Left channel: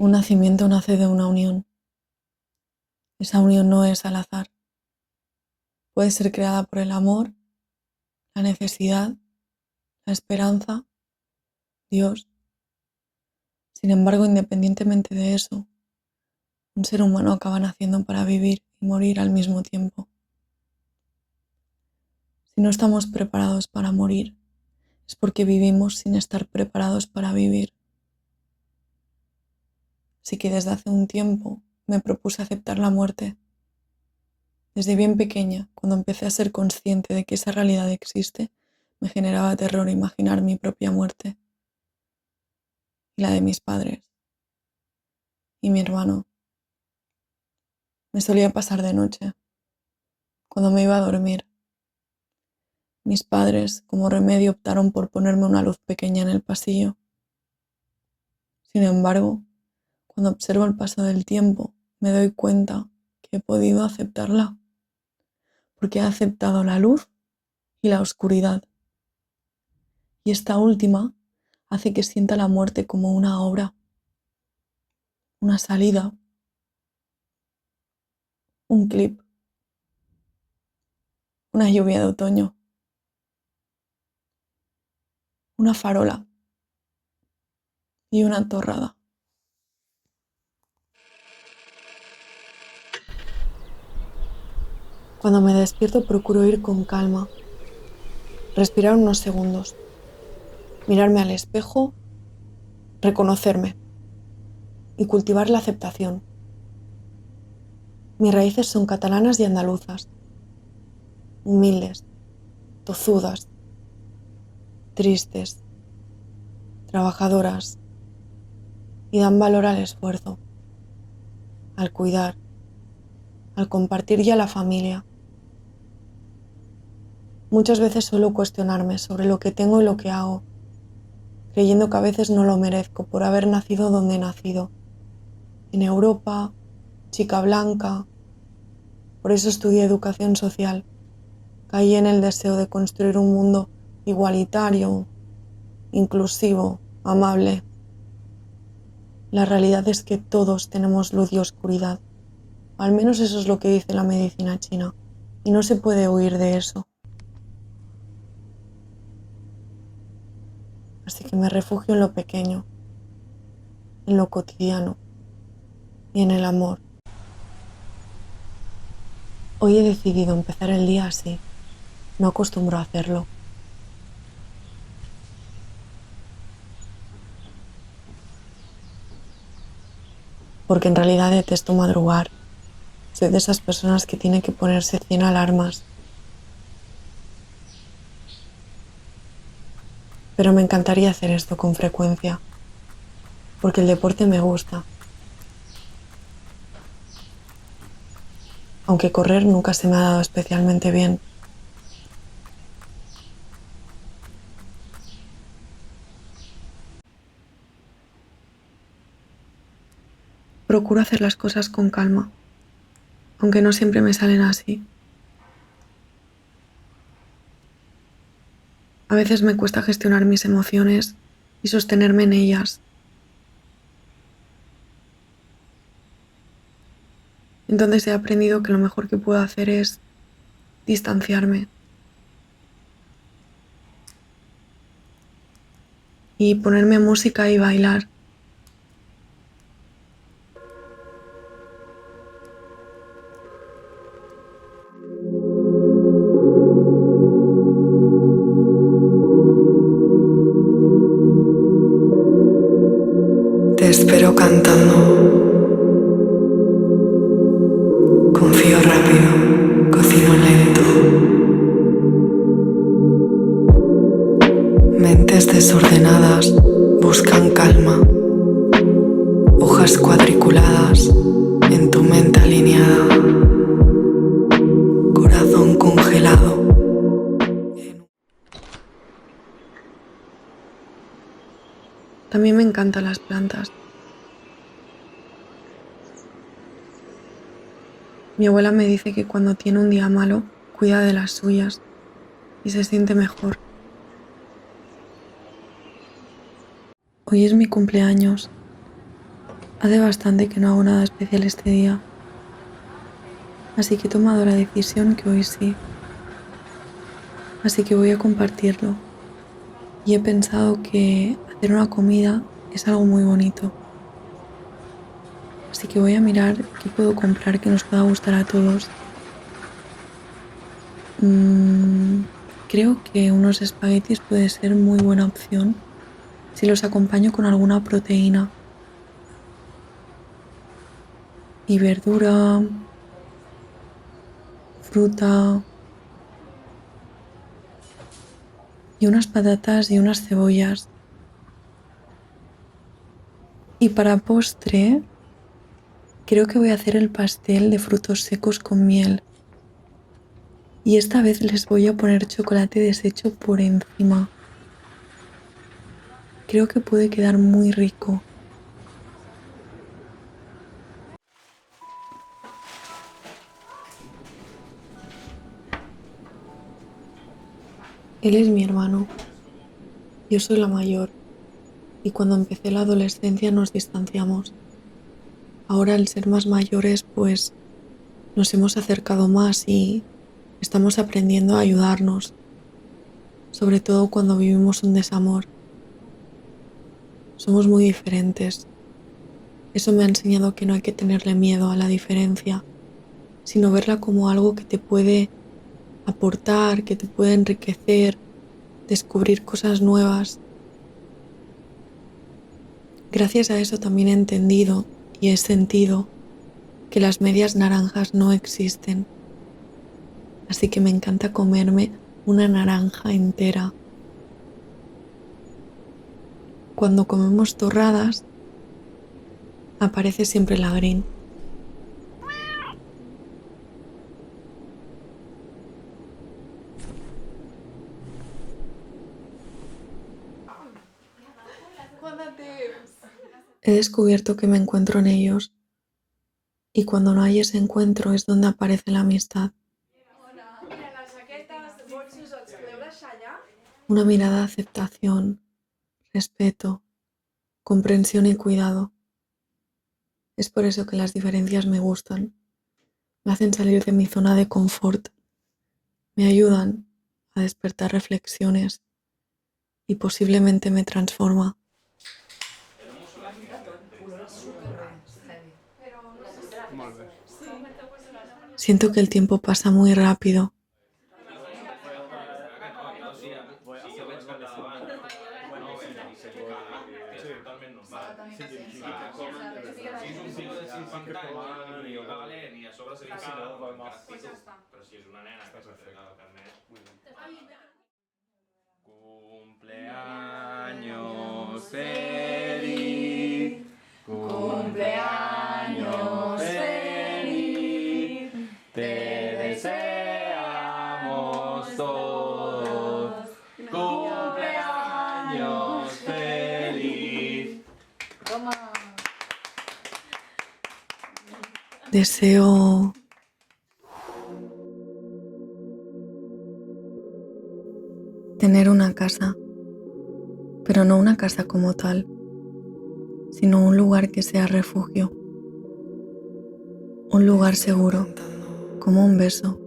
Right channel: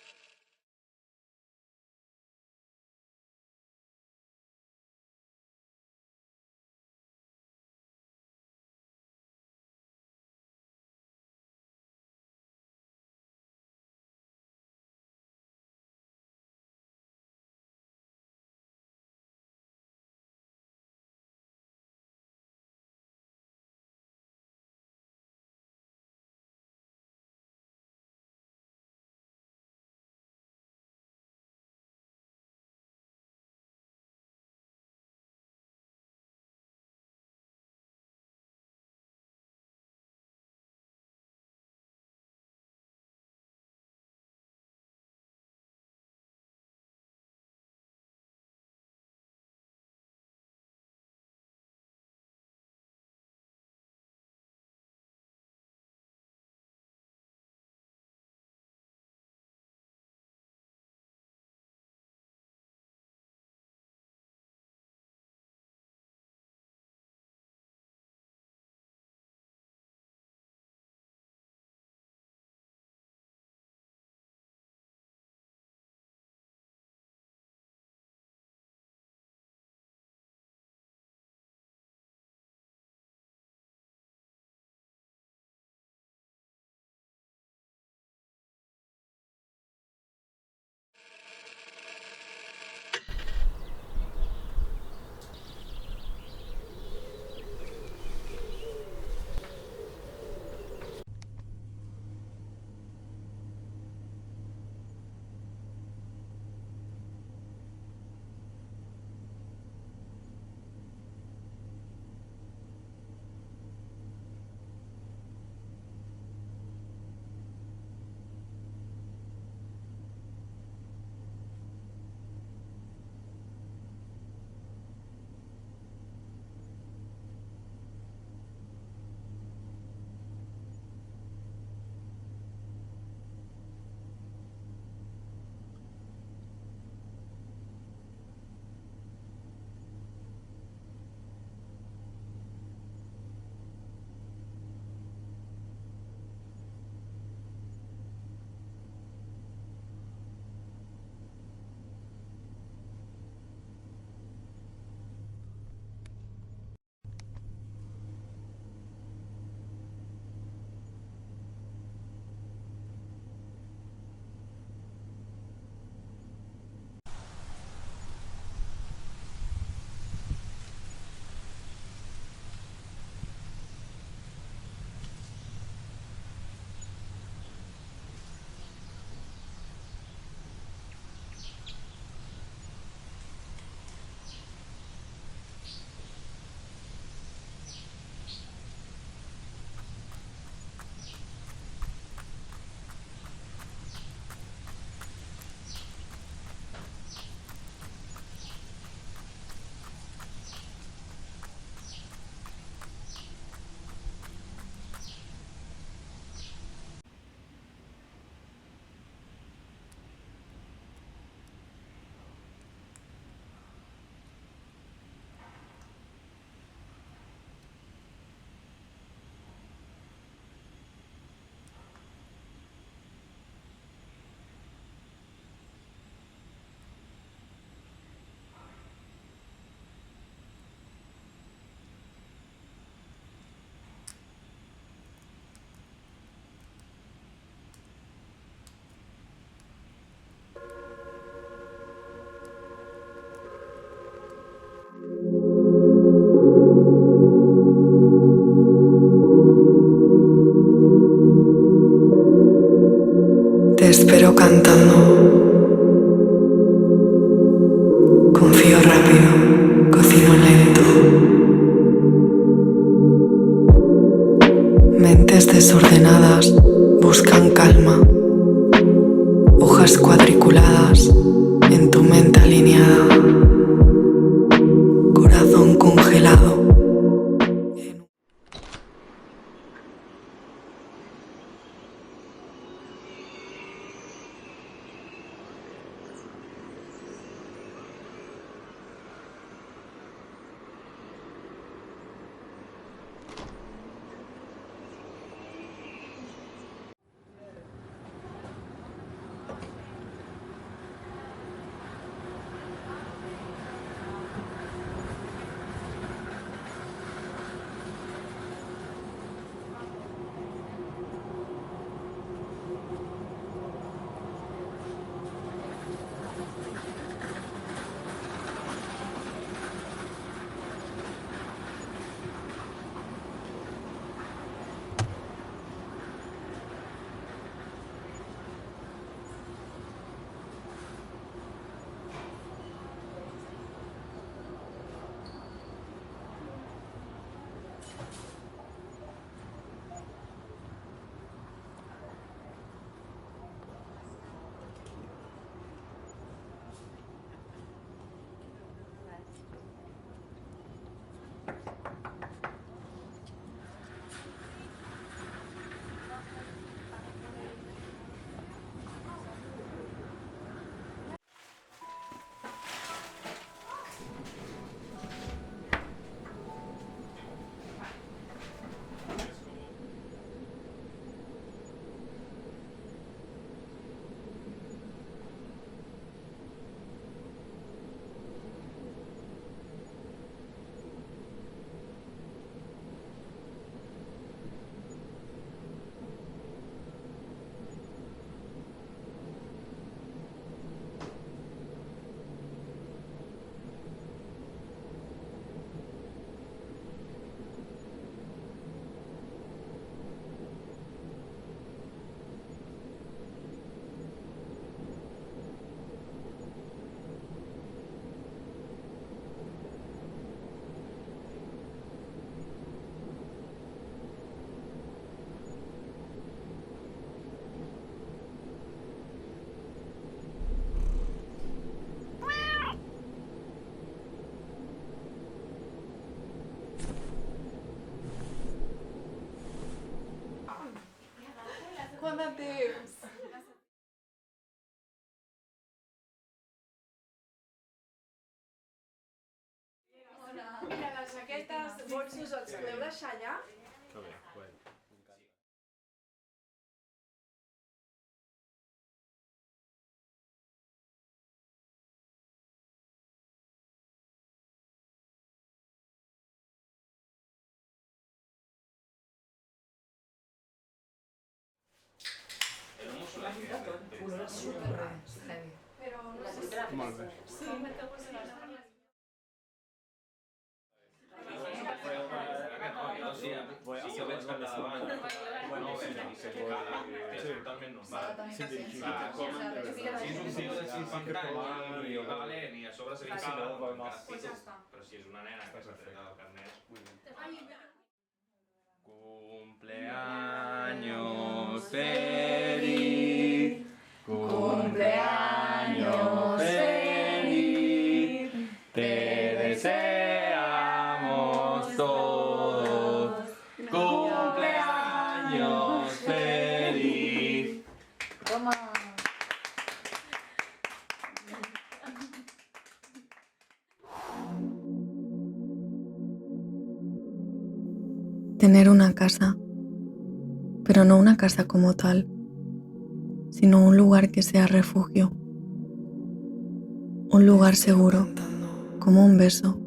Un nacimiento nace de una unión. Esa unión no es al azar. Puede ser creada por el amor, la necesidad, la esperanza, Dios. Sin embargo, independientemente de eso, un ser humano acaba naciendo para vivir y morir al mismo tiempo. Si no estamos preparados para morir, es porque vivimos sin estar preparados para vivir. Así que desde hace un tiempo me propuse aceptar la muerte. Desde bien pequeña, cuando empecé a ser consciente de que esa realidad existe, me generaba terror imaginar mi propia muerte y la de mis padres y mi hermano. Me solía pasar de noche, cuando me iba a dormir. Mis padres, como remedio, optaron por ponerme una luz pequeña en el pasillo. Sin embargo, cuando observo el paso del tiempo, me doy cuenta que he podido aceptarla, porque he aceptado la luz y la oscuridad. Y esta última hace que sienta la muerte como una obra, una salida, un clip, una lluvia de otoño, una farola y una torrada. Cuando me despierto procuro ir con calma, respirar unos segundos, mirarme al espejo, reconocerme y cultivar la aceptación. Mis raíces son catalanas y andaluzas, humildes, tozudas, tristes, trabajadoras y dan valor al esfuerzo, al cuidar, al compartir y a la familia. Muchas veces suelo cuestionarme sobre lo que tengo y lo que hago, creyendo que a veces no lo merezco por haber nacido donde he nacido, en Europa, chica blanca. Por eso estudié educación social. Caí en el deseo de construir un mundo igualitario, inclusivo, amable. La realidad es que todos tenemos luz y oscuridad. Al menos eso es lo que dice la medicina china. Y no se puede huir de eso. Así que me refugio en lo pequeño, en lo cotidiano y en el amor. Hoy he decidido empezar el día así. No acostumbro a hacerlo. Porque en realidad detesto madrugar. Soy de esas personas que tiene que ponerse 100 alarmas. Pero me encantaría hacer esto con frecuencia. Porque el deporte me gusta. Aunque correr nunca se me ha dado especialmente bien. Procuro hacer las cosas con calma, aunque no siempre me salen así. A veces me cuesta gestionar mis emociones y sostenerme en ellas. Entonces he aprendido que lo mejor que puedo hacer es distanciarme y ponerme música y bailar. Te espero cantando. Confío rápido, cocino lento. Mentes desordenadas buscan calma. Hojas cuadriculadas en tu mente alineada. Corazón congelado. También me encantan las plantas. Mi abuela me dice que cuando tiene un día malo, cuida de las suyas y se siente mejor. Hoy es mi cumpleaños Hace bastante que no hago nada especial este día, así que he tomado la decisión que hoy sí. Así que voy a compartirlo. Y he pensado que hacer una comida es algo muy bonito. Así que voy a mirar qué puedo comprar que nos pueda gustar a todos. Creo que unos espaguetis puede ser muy buena opción si los acompaño con alguna proteína. Y verdura, fruta y unas patatas y unas cebollas. Y para postre, creo que voy a hacer el pastel de frutos secos con miel. Y esta vez les voy a poner chocolate deshecho por encima. Creo que puede quedar muy rico. Él es mi hermano, yo soy la mayor, y cuando empecé la adolescencia nos distanciamos. Ahora al ser más mayores, pues nos hemos acercado más y estamos aprendiendo a ayudarnos, sobre todo cuando vivimos un desamor. Somos muy diferentes. Eso me ha enseñado que no hay que tenerle miedo a la diferencia, sino verla como algo que te puede aportar, que te puede enriquecer, descubrir cosas nuevas. Gracias a eso también he entendido y he sentido que las medias naranjas no existen. Así que me encanta comerme una naranja entera. Cuando comemos torradas, aparece siempre la green. He descubierto que me encuentro en ellos y cuando no hay ese encuentro es donde aparece la amistad. Una mirada de aceptación, respeto, comprensión y cuidado. Es por eso que las diferencias me gustan. Me hacen salir de mi zona de confort. Me ayudan a despertar reflexiones y posiblemente me transforma. Siento que el tiempo pasa muy rápido. Cumpleaños feliz, cumpleaños feliz, te deseamos todos. Cumpleaños feliz. Deseo tener una casa, pero no una casa como tal, sino un lugar que sea refugio, un lugar seguro, como un beso,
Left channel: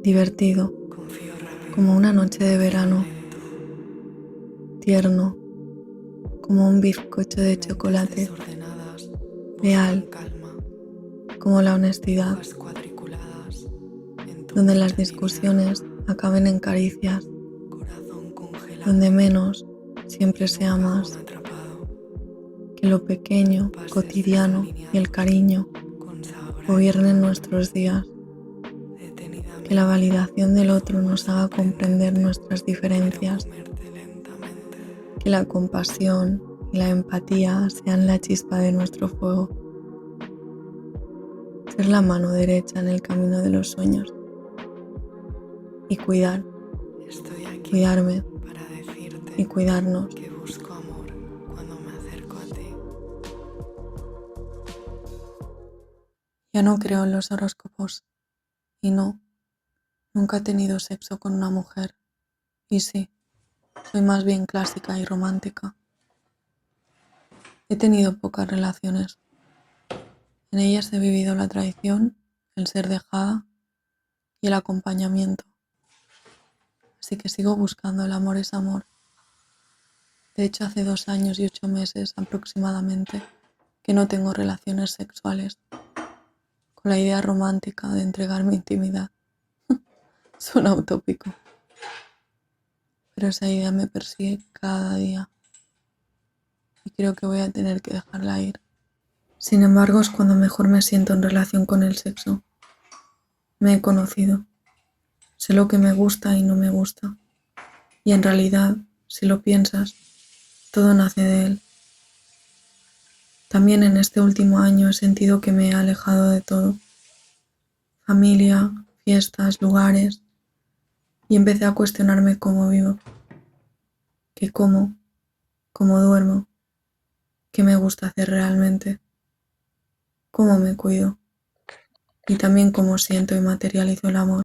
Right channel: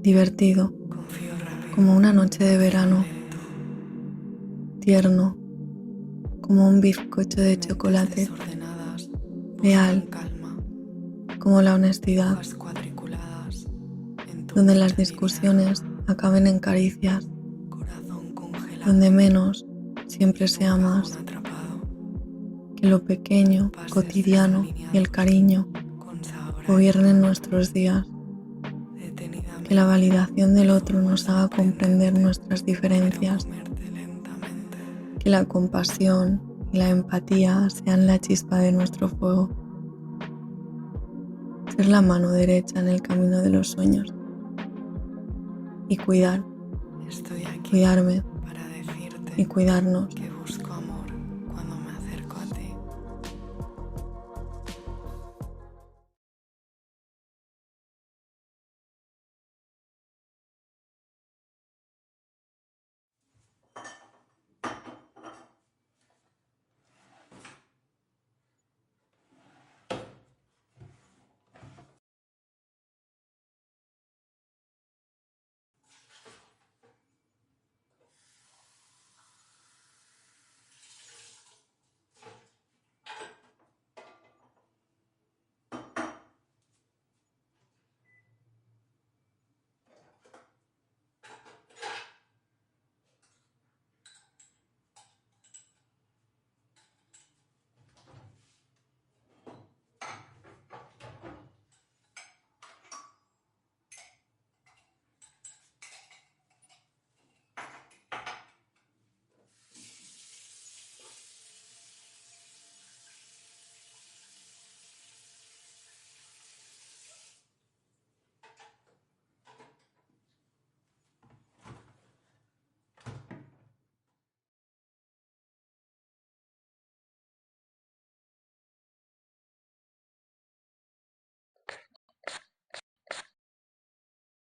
divertido, como una noche de verano, tierno, como un bizcocho de chocolate, leal, como la honestidad, donde las discusiones acaben en caricias, donde menos siempre sea más, que lo pequeño, cotidiano y el cariño gobiernen nuestros días, que la validación del otro nos haga comprender nuestras diferencias, que la compasión y la empatía sean la chispa de nuestro fuego, ser la mano derecha en el camino de los sueños y cuidarme y cuidarnos. Que busco amor cuando me acerco a ti. Ya no creo en los horóscopos y no, nunca he tenido sexo con una mujer y sí, soy más bien clásica y romántica. He tenido pocas relaciones. En ellas he vivido la traición, el ser dejada y el acompañamiento. Así que sigo buscando. El amor es amor. De hecho, hace 2 años y 8 meses aproximadamente que no tengo relaciones sexuales, con la idea romántica de entregar mi intimidad. Suena utópico, pero esa idea me persigue cada día y creo que voy a tener que dejarla ir. Sin embargo, es cuando mejor me siento en relación con el sexo. Me he conocido, sé lo que me gusta y no me gusta, y en realidad, si lo piensas, todo nace de él. También en este último año he sentido que me he alejado de todo. Familia, fiestas, lugares, y empecé a cuestionarme cómo vivo, qué como, cómo duermo, qué me gusta hacer realmente, cómo me cuido y también cómo siento y materializo el amor.